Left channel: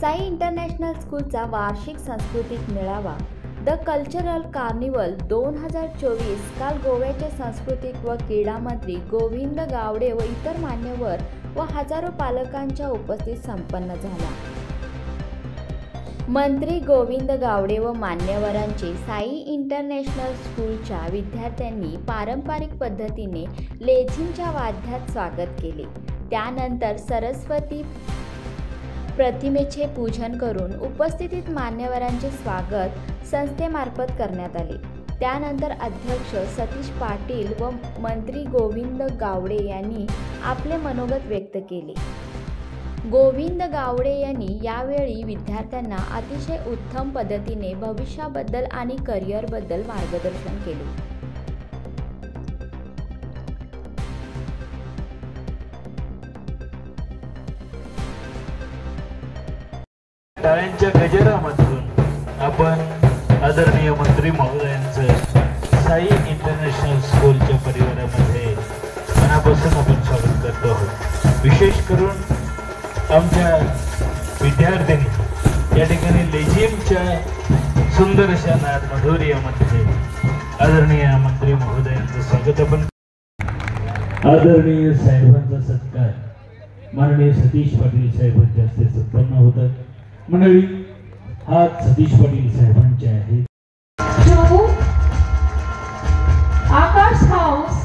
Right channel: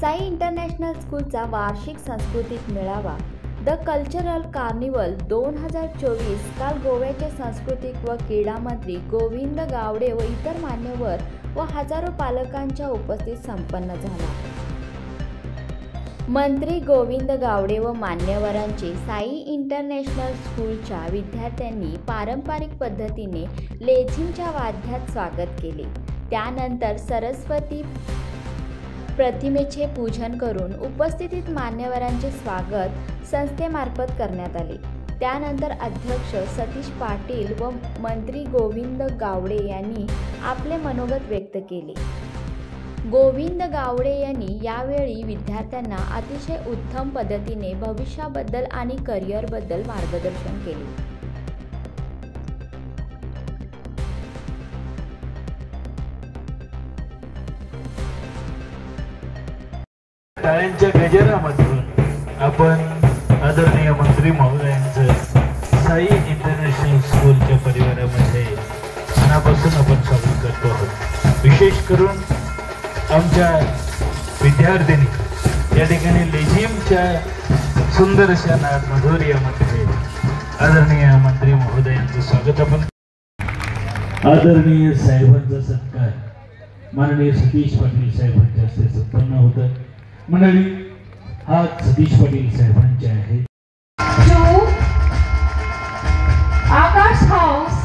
Sai international स्कूलचा वार्षिक सांस्कृतिक मेळावा द कल्चरल कार्निवल 2024 काल गोव्याचे सांस्कृतिक व क्रीडा मंत्री गोविंद गावडे व इतर मान्यवर व हजारो पालकांच्या उपस्थितीत संपन्न झाला। मंत्री गोविंद गावडे व मान्यवरांचे साई इंटरनॅशनल स्कूलच्या विद्यार्थ्यांनी पारंपरिक पद्धतीने लेझिमच्या वाद्यात स्वागत केले। त्यानंतर सरस्वती प्रतिमेचे पूजन करून उपस्थित मान्यवरांचे स्वागत संस्थेमार्फत करण्यात आले। त्यानंतर अध्यक्ष सतीश पाटील व मंत्री गोविंद गावडे यांनी आपले मनोगत व्यक्त केले। गोविंद गावडे यांनी यावेळी विद्यार्थ्यांना अतिशय उत्तम पद्धतीने भविष्याबद्दल आणि करिअरबद्दल मार्गदर्शन केले। शाळेच्या गजरामधून आपण आदरणीय मंत्री महोदयांचं साई इंटरनॅशनल स्कूलच्या परिवारामध्ये मनापासून आपण स्वागत करतो आहोत। विशेष करून आमच्या विद्यार्थ्यांनी या ठिकाणी लेझिमच्या सुंदर अशा नाद मधुर्यामध्ये आदरणीय मंत्री महोदयांचं स्वागत आपण। आदरणीय साहेबांचा सत्कार माननीय सतीश पाटील साहेबांच्या हस्ते संपन्न होता। मंडळी हा सतीश पाटील साहेबांचे आहे। आकाश हाऊस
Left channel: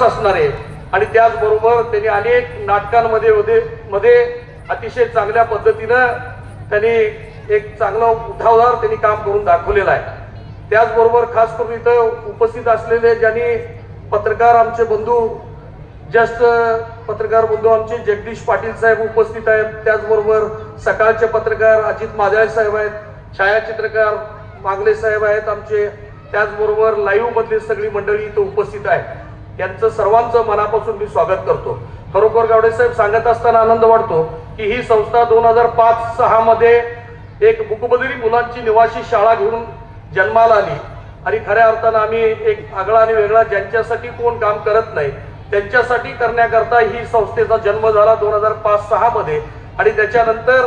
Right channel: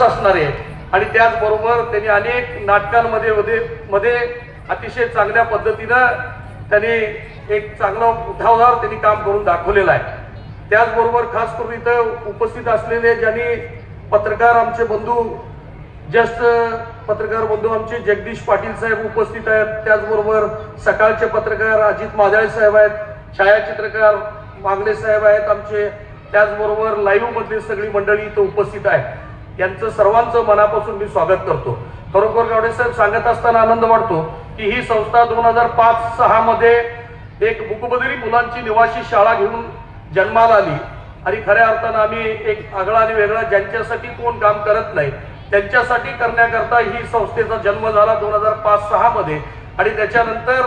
असणारे आणि त्याचबरोबर त्यांनी अनेक नाटकांमध्ये अतिशय चांगल्या पद्धतीनं त्यांनी एक चांगला उठावदार त्यांनी काम करून दाखवलेलं आहे। त्याचबरोबर खास करून इथं उपस्थित असलेले ज्यांनी पत्रकार आमचे बंधू ज्येष्ठ पत्रकार बंधू आमचे जगदीश पाटील साहेब उपस्थित आहेत। त्याचबरोबर सकाळचे पत्रकार अजित माजाळे साहेब आहेत, छायाचित्रकार मांगले साहेब आहेत आमचे, त्याचबरोबर लाईव्ह मधली सगळी मंडळी इथं उपस्थित आहेत। यांचं सर्वांचं मनापासून मी स्वागत करतो। खरोखर गावडे साहेब सांगत असताना आनंद वाटतो की ही संस्था 2005-06 मध्ये एक बुकबधिर मुलांची निवासी शाळा घेऊन जन्माला आली आणि खऱ्या अर्थानं आम्ही एक आगळा आणि वेगळा ज्यांच्यासाठी कोण काम करत नाही त्यांच्यासाठी करण्याकरता ही संस्थेचा जन्म झाला 2005-06 मध्ये आणि त्याच्यानंतर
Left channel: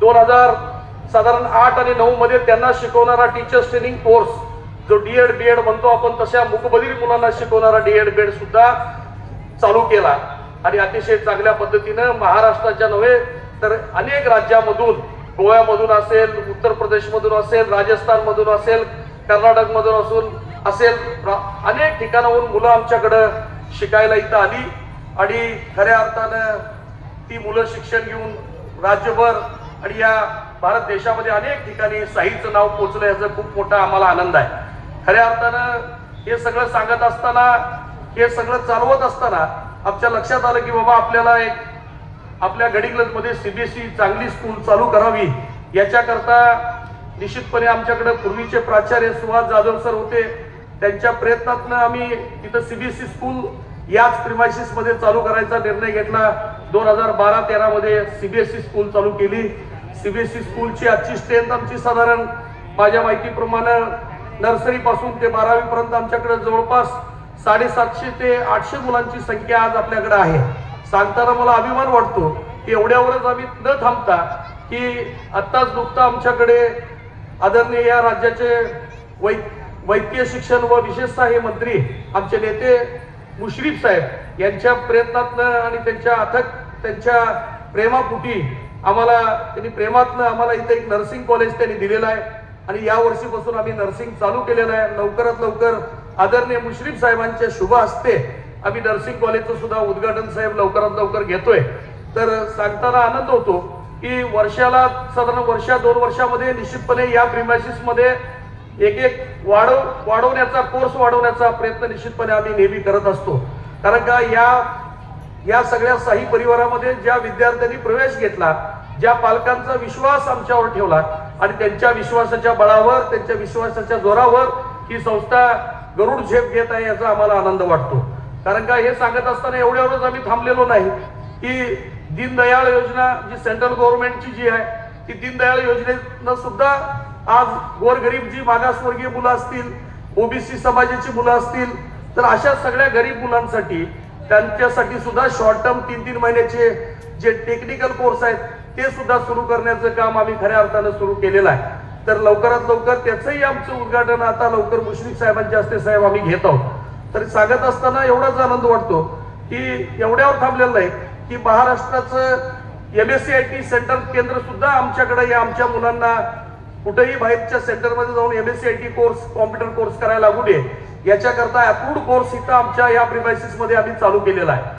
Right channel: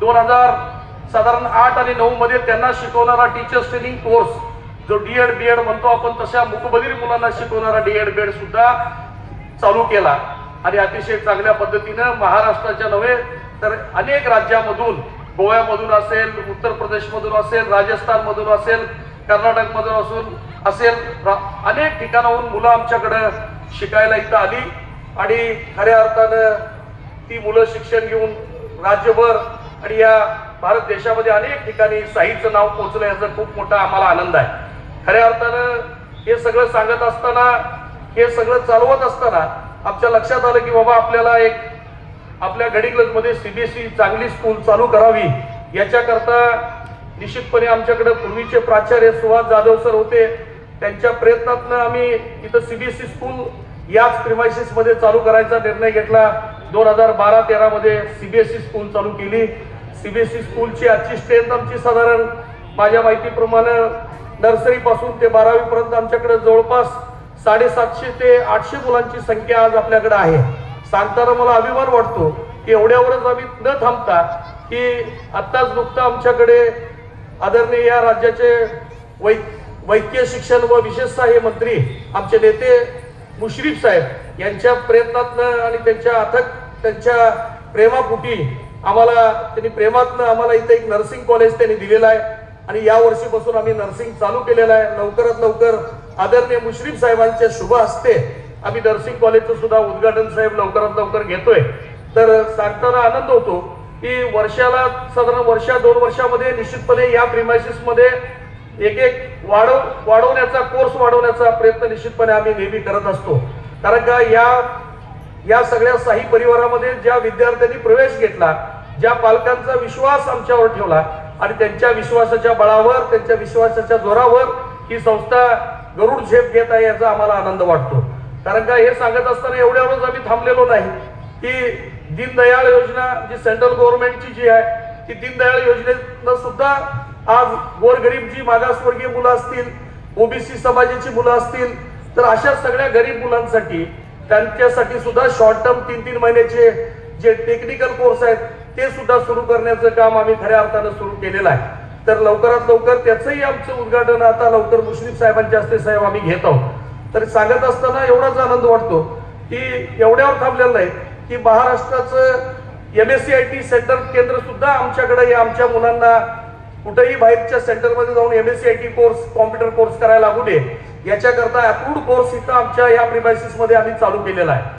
2008 आणि 2009 मध्ये त्यांना शिकवणारा टीचर्स ट्रेनिंग कोर्स जो डीएड म्हणतो आपण तशा मुकबधिर मुलांना शिकवणारा डीएड सुद्धा चालू केला आणि अतिशय चांगल्या पद्धतीने महाराष्ट्राच्या नव्हे तर अनेक राज्यामधून गोव्यामधून असेल, उत्तर प्रदेशमधून असेल, राजस्थानमधून असेल, कर्नाटकमधून असून असेल अनेक ठिकाणाहून मुलं आमच्याकडे शिकायला इथं आली आणि खऱ्या अर्थानं ती मुलं शिक्षण घेऊन राज्यभर आणि या भारत देशामध्ये अनेक ठिकाणी साईचं नाव पोहोचलं याचा खूप मोठा आम्हाला आनंद आहे। खऱ्या अर्थानं हे सगळं सांगत असताना, हे सगळं चालवत असताना आमच्या लक्षात आलं की बाबा आपल्याला एक आपल्या गडिंग्लजमध्ये सीबीएसई चांगली स्कूल चालू करावी। याच्याकरता निश्चितपणे आमच्याकडे पूर्वीचे प्राचार्य सुहास जाधव सर होते, त्यांच्या प्रयत्नातून आम्ही इथं सीबीएसई स्कूल याच प्रिमायसिस मध्ये चालू करायचा निर्णय घेतला। 2012-13 मध्ये सीबीएसई स्कूल चालू केली। सीबीएसई स्कूलची आजची स्ट्रेंथ आमची साधारण माझ्या माहितीप्रमाणे नर्सरी पासून ते 12वी पर्यंत आमच्याकडे जवळपास 750 ते 800 मुलांची संख्या आज आपल्याकडे आहे। सांगताना मला अभिमान वाटतो की एवढ्यावरच आम्ही न थांबता की आत्ताच नुकतं आमच्याकडे आदरणीय या राज्याचे वैद्यकीय शिक्षण व विशेषतः हे मंत्री आमचे नेते मुश्रीफ साहेब यांच्या प्रयत्नातनं आणि त्यांच्या अथक त्यांच्या प्रेमापोटी त्यांनी प्रेमातनं आम्हाला इथे एक नर्सिंग कॉलेज त्यांनी दिलेलं आहे आणि या वर्षीपासून आम्ही नर्सिंग चालू केलेलं आहे। लवकरात लवकर आदरणीय मुश्रीफ साहेबांच्या शुभ हस्ते आम्ही नर्सिंग कॉलेजचं सुद्धा उद्घाटन साहेब लवकरात लवकर घेतोय। तर सांगताना आनंद होतो की वर्षाला साधारण 1-2 वर्षामध्ये निश्चितपणे या प्रिमायसिस मध्ये एक वाढवण्याचा कोर्स वाढवण्याचा प्रयत्न निश्चितपणे आम्ही नेहमी करत असतो। कारण का या सगळ्या साही परिवारामध्ये ज्या विद्यार्थ्यांनी प्रवेश घेतला, ज्या पालकांचा विश्वास आमच्यावर ठेवला आणि त्यांच्या विश्वासाच्या बळावर, त्यांच्या विश्वासाच्या जोरावर ही संस्था गरुड झेप घेत आहे याचा आम्हाला आनंद वाटतो। कारण का हे सांगत असताना एवढ्यावरच आम्ही थांबलेलो नाही की दीनदयाळ योजना जी सेंट्रल गव्हर्नमेंटची जी आहे की दीनदयाळ योजनेनं सुद्धा आज गोरगरीब जी मागासवर्गीय मुलं असतील, ओबीसी समाजाची मुलं असतील, तर अशा सगळ्या गरीब मुलांसाठी त्यांच्यासाठी सुद्धा शॉर्ट टर्म 3-3 महिन्याचे जे टेक्निकल कोर्स आहेत ते सुद्धा सुरू करण्याचं काम आम्ही खऱ्या अर्थानं सुरू केलेलं आहे। तर लवकरात लवकर त्याचंही आमचं उद्घाटन आता लवकर मुश्रीफ साहेबांच्या हस्ते साहेब आम्ही घेत आहोत। तर सांगत असताना एवढाच आनंद वाटतो की एवढ्यावर थांबलेलं नाही की महाराष्ट्राचं MSCIT सेंटर केंद्र सुद्धा आमच्याकडे या आमच्या मुलांना कुठेही बाहेरच्या सेंटरमध्ये जाऊन MSCIT कोर्स, कॉम्प्युटर कोर्स करायला लागू नये याच्याकरता अप्रूव्ड कोर्स इथं आमच्या या प्रिमायसिस मध्ये आम्ही चालू केलेला आहे।